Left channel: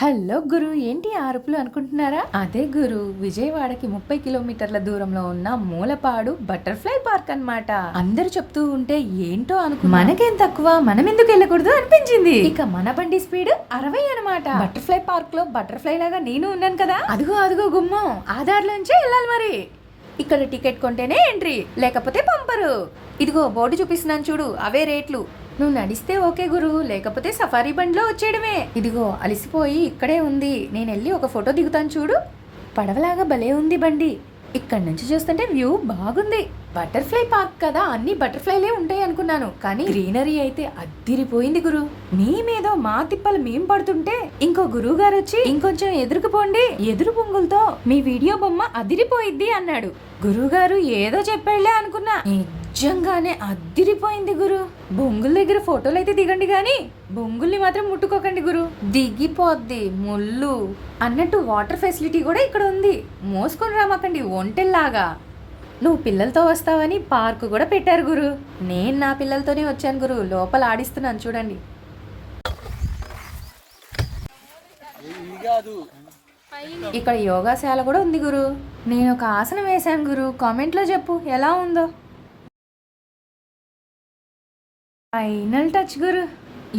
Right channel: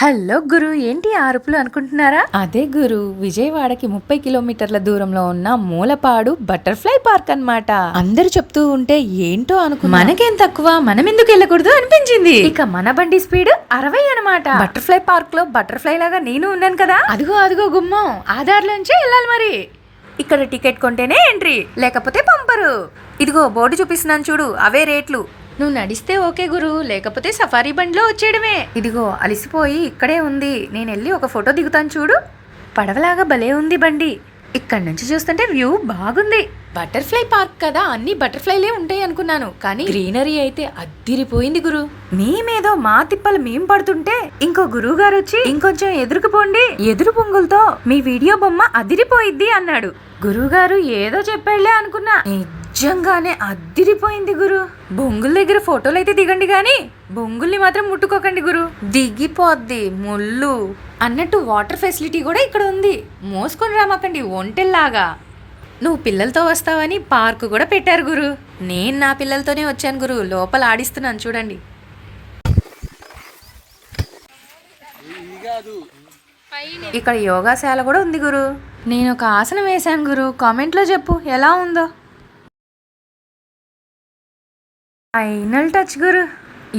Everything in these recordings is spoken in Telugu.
హలో గురు, ఏంటి అరుపులు అనుకుంటున్నారా? అదే గురు, విజయవాడకి 30 కిలోమీటర్ల దూరంలో ఉన్న మూలపాడు బటర్ఫ్లై పార్క్ అన్నమాట. అందరు చెప్తూ ఉంటే ఏంటో మనకేం తక్కువ, మనం ఎందుకు వెళ్ళకూడదు అనిపించింది. ఇక మన బండి స్పీడ్ 60 అనమాట. బటర్ఫ్లై పార్క్ లో బటర్ఫ్లై లాగా నేను ఉన్నాను కదా, అదిగో అదిగో గుమ్మం, ఆధార్లోంచే వెళ్ళాలి మరి. ఇక్కడ టికెట్ కొంటేనే ఎంట్రీ, లేకపోతే పంపరు. ఇదిగో బోర్డు చూపిస్తున్నాను చూడు, అవే రేట్లు. నువ్వు నడిస్తే ఓకే గురు, లేకపోతే సఫారీ బండిలో వచ్చేయడమే. ఇదిగో అలిసిపోయి ఇక్కడే ఉంది, నేను వెళ్ళి ఒక ఫోటో దిగుతాను చూడు. పడవలాగా భలే ఉంది బండి, ఇక్కడ నుంచి చూస్తుంటే వ్యూ బాగుంది. బటర్ఫ్లై పార్క్ కదా, అన్ని బటర్ఫ్లైలే ఉంటాయి అనుకున్నాను, కానీ గ్రీనరీ అయితే అద్దిరిపోయింది గురు. మేమేదో మా తిప్పలు మేం పడుతుంటే ఇంకో గురువు గారు వచ్చి ఇంకొంచెం ఎదురుకుపోండి, ఎదురు పొంగులతో మీ వీడియో బొమ్మ అదిరిపోయిద్ది అన్నాడు. గురువు గారు ఏదో చెప్పాడులే అనుకున్నా, నిజంగానే అద్దిరిపోయింది గురు. బొంగుల దగ్గర ఫోటోలు అయితే దిగండి గాని బొంగుల్ని మాత్రం ముట్టుకోకండి గురు, దిగిపోద్ది ముళ్ళు అన్నట్టు. వాటర్ ఫెసిలిటీ కూడా ఇక్కడ ఉంది, మోసుకొని రామకండి ఒంటెల్లాగా. నువ్వు పిల్లలతో వస్తావని పార్కు కూడా పెట్టారు గురు. నేను నా పిల్లలతోనే వచ్చాను గురు, లోపల ఆడిస్తున్నాను చూడండి. ఇక్కడ యోగాశాల కూడా ఉంది గురు. నేను ఒక ఆసనం వేశాను గురు, కామెంట్లో చెప్పు ఎలా ఉందో. ఫైనల్ టచ్ గురు,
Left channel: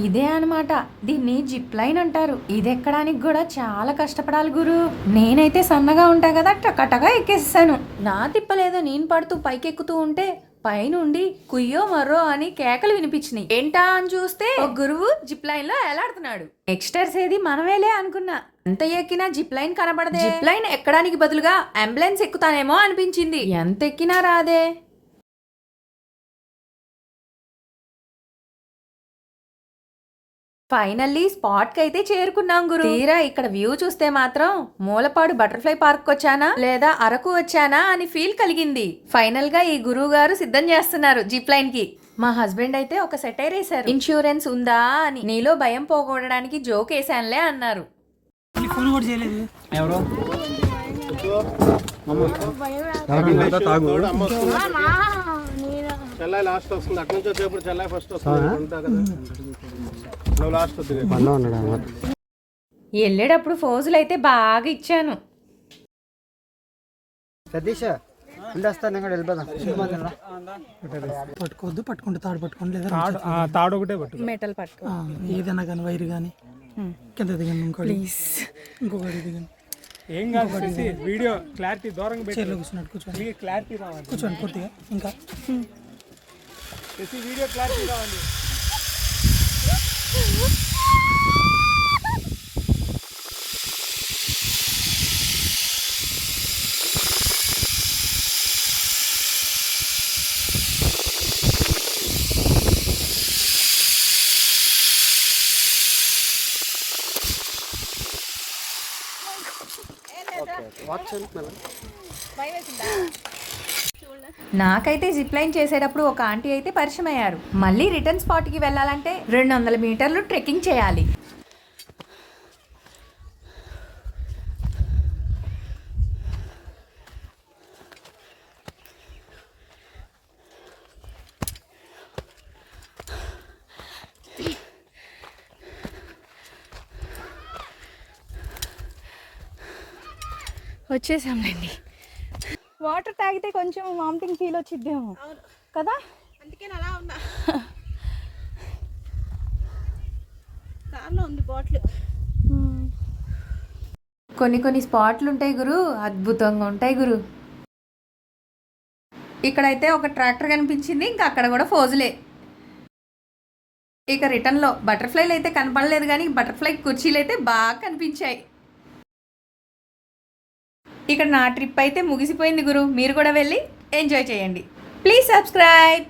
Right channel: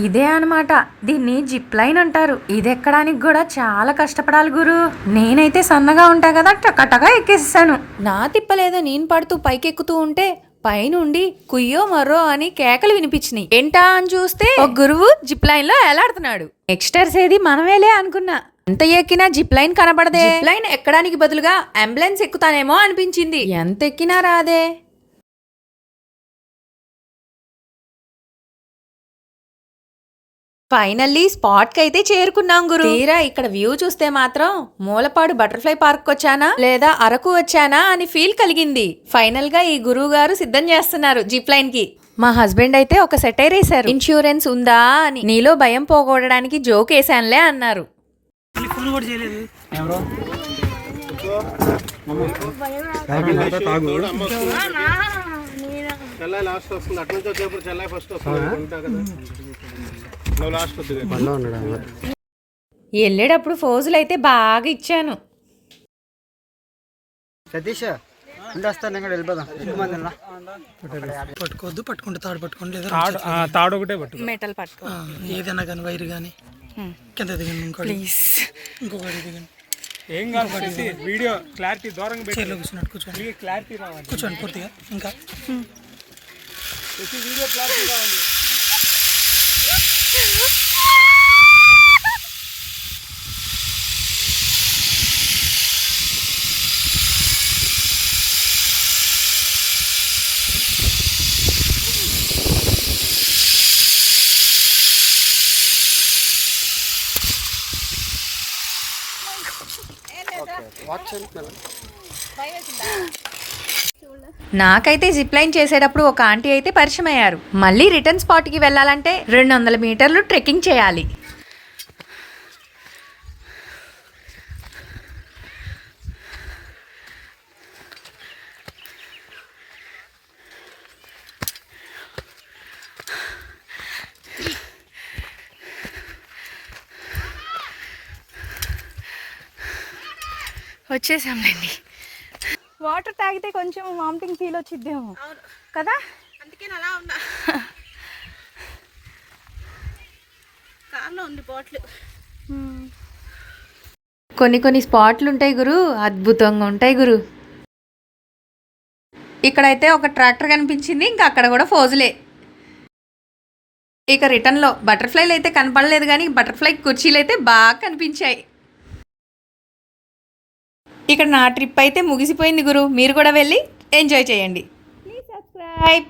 ఇదే అనమాట, దీన్ని జిప్ లైన్ అంటారు. ఇది ఎక్కడానికి కూడా చాలా కష్టపడాలి గురు. నేనైతే సన్నగా ఉంటా కదా, టకటగా ఎక్కేసాను. నా తిప్పలేదో నేను పడుతూ పైకెక్కుతూ ఉంటే పైనుండి కుయ్యో మర్రో అని కేకలు వినిపించినాయి. ఏంటా అని చూస్తే ఒక గురువు జిప్ లైన్ లో ఎలాడుతున్నాడు. నెక్స్టర్స్ ఏది మనమేలే అనుకున్నా, ఎంత ఎక్కినా జిప్ లైన్ కనబడదే. జిప్ లైన్ ఎక్కడానికి బదులుగా అంబులెన్స్ ఎక్కుతానేమో అనిపించింది, ఎంత ఎక్కినా రాదే. ఫైనల్లీ స్పాట్ కి అయితే చేరుకున్నాం గురు. తీరా ఇక్కడ వ్యూ చూస్తే మాత్రం మూలపాడు బటర్ఫ్లై పార్క్ వచ్చానా లేదా అరకు వచ్చానా అని ఫీల్ కలిగింది. ఫైనల్ గా ఈ గురువు గారు సిద్ధం చేస్తున్నారు జిప్ లైన్ కి. మా హస్బెండ్ అయితే ఒక సెటైర్ వేశారు, ఇన్సూరెన్స్ ఉందా అని. నీలో భయం పోగొట్టడానికి జోక్ వేసానులే అన్నారు. వెళ్ళేటప్పుడు ఫోజులు అయితే బాగా ఇచ్చాను. పట్టుకోవద్దు, పట్టుకుంటే తాడు పట్టుకోండి, లేదా తాడు ఒకటే పట్టు, మెటల్ పట్టుకో, ఏదైనా కానీ వైర్ కానీ కింద దిగండి, ఇంకోటి ఇంకొకటి దిగండి. ఏం కాదు, వీడియో క్లారిటీ దూరంగా పెట్టి కూర్చున్నట్టు కూర్చోండి, క్లారిటీ రావాలి, కూర్చోండి పూర్తిగా. ఇంకా వీడియో క్లారిటీ రావాలి. నాకైతే జిప్ లైన్ చేసేటప్పుడు ఒక ఆంటీ అయితే పరిచయం అయ్యారు. మళ్ళీ రిటర్న్ స్పాట్ కి వెళ్ళాలంటే 200 మీటర్లు ట్రెక్కింగ్ చేయాలి. వచ్చేసాంలేండి. వాటర్ తాగితే కొంచెం వామిటింగ్ ఫీల్ వచ్చిద్దేమో కదా, అందుకే అలా ఉన్నా. కార్లో ఉంది బాటిల్. కొన్ని స్పాట్లు ఉంటాయి గురు, అద్భుతంగా ఉంటాయి గురు. ఇక్కడైతే ఒక ట్రాక్టర్ కనిపించింది, ఇంకా అక్కడ కూడా ఫోజులే. ఇక రిటర్న్లో బటర్ఫ్లైలు అయితే కనపడలేదు, కానీ బటర్ఫ్లై కుర్చీలు అయితే బాగా కనిపించాయి. ఇక్కడ నా ట్రిప్ అయితే ముగిసిపోయింది గురు. మీరు కూడా వెళ్ళి ఎంజాయ్ చేయండి. Please subscribe.